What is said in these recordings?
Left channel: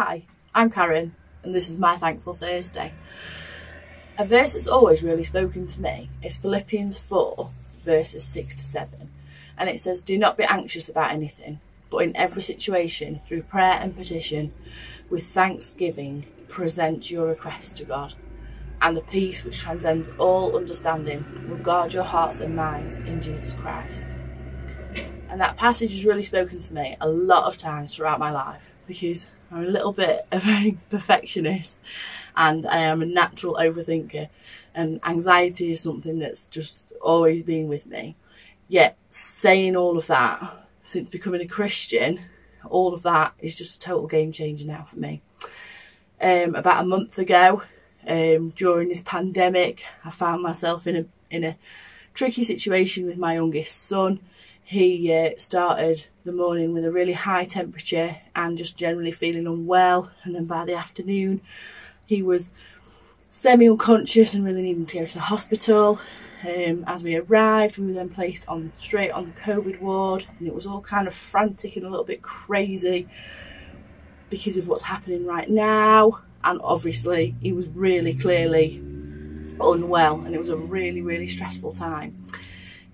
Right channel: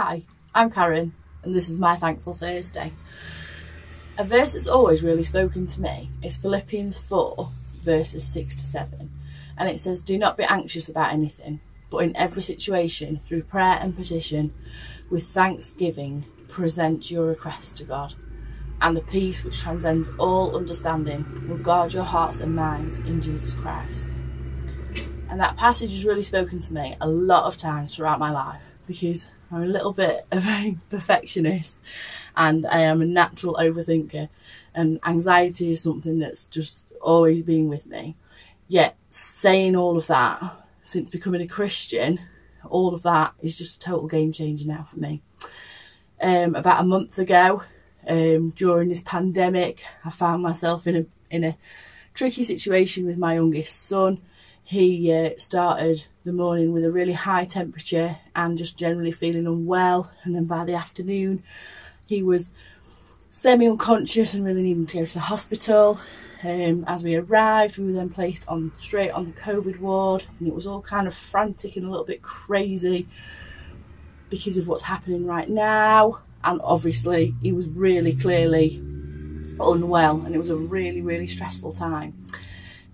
Hi, I'm Karen, and this is my Thankful Thursday. A verse that's always really spoken to me is Philippians 4, verses 6 to 7. And it says, "Do not be anxious about anything, but in every situation, through prayer and petition, with thanksgiving, present your requests to God. And the peace which transcends all understanding will guard your hearts and minds in Jesus Christ." And that passage has really spoken to me a lot of times throughout my life, because I'm a little bit of a perfectionist and I am a natural overthinker, and anxiety is something that's just always been with me. Yet saying all of that, since becoming a Christian, all of that is just a total game changer now for me. About a month ago, during this pandemic, I found myself in a tricky situation with my youngest son. He started the morning with a really high temperature and just generally feeling unwell, and then by the afternoon he was semi-unconscious and really needing to go to the hospital. As we arrived, we were then placed straight on the COVID ward, and it was all kind of frantic and a little bit crazy because of what's happening right now. And obviously he was really clearly unwell, and it was a really, really stressful time.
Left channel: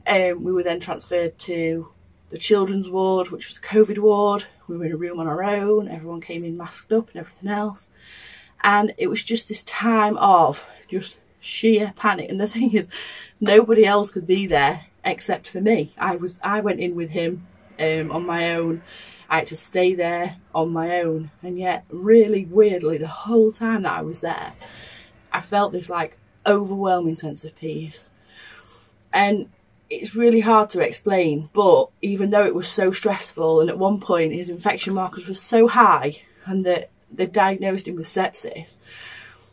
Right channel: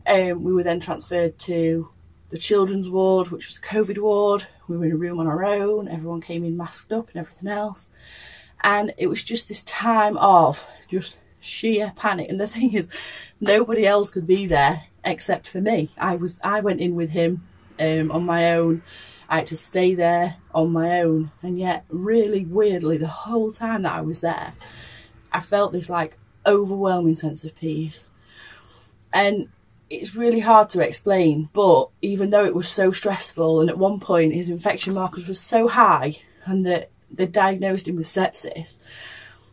We were then transferred to the children's ward, which was the COVID ward. We were in a room on our own. Everyone came in masked up and everything else. And it was just this time of just sheer panic. And the thing is, nobody else could be there except for me. I went in with him on my own. I had to stay there on my own. And yet, really weirdly, the whole time that I was there, I felt this like overwhelming sense of peace. And it's really hard to explain, but even though it was so stressful, and at one point his infection markers were so high and that they diagnosed him with sepsis,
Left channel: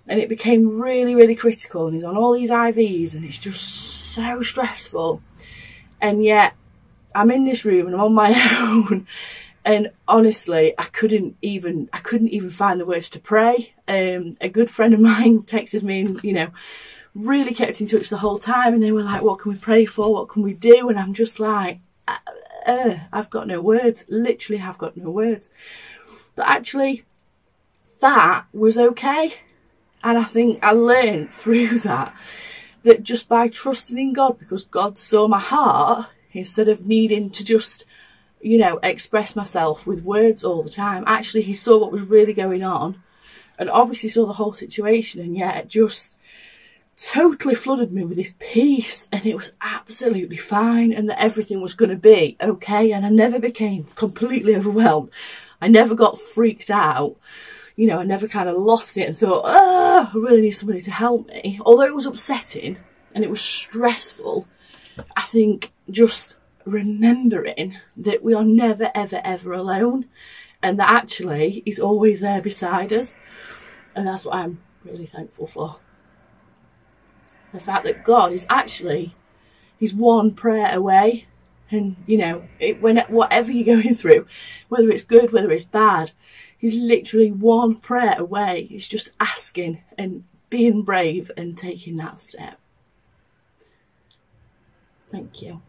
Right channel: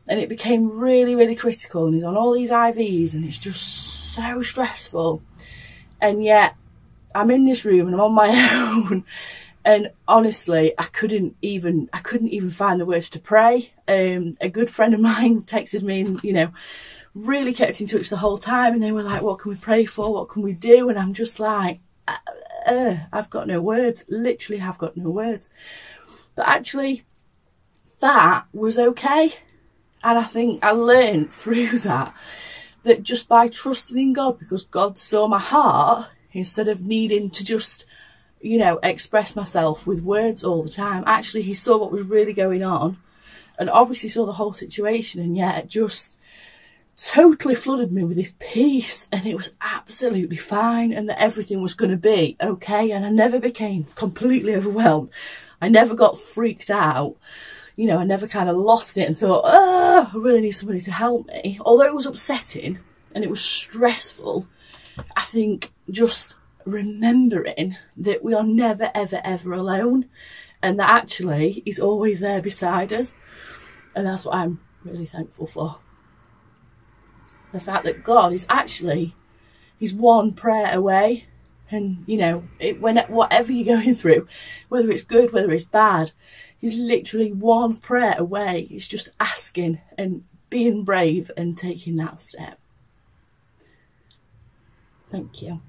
and it became really, really critical, and he's on all these IVs and it's just so stressful, and yet I'm in this room and I'm on my own, and honestly I couldn't even find the words to pray. A good friend of mine texted me and really kept in touch the whole time, and they were like, "What can we pray for? What can we do?" And I'm just like, I've got no words. Literally have got no words. But actually that was okay. And I think I learned through that just by trusting in God, because God saw my heart, instead of needing to just express myself with words all the time, actually he saw what was really going on, and obviously saw the whole situation, and yet it just totally flooded me with this peace, and it was absolutely fine, and that everything was going to be okay. And I never became completely overwhelmed. I never got freaked out. I never kind of lost it and thought, I really need somebody to help me. Although it was upsetting and it was stressful, I think just remembering that we are never, ever, ever alone, and that actually he's always there beside us. And that's what I'm really thankful for. The fact that God is actually, he's one prayer away. And, whatever you're going through, whether it's good, whether it's bad, he's literally one prayer away. It's just asking and being brave and taking that step. Thank you.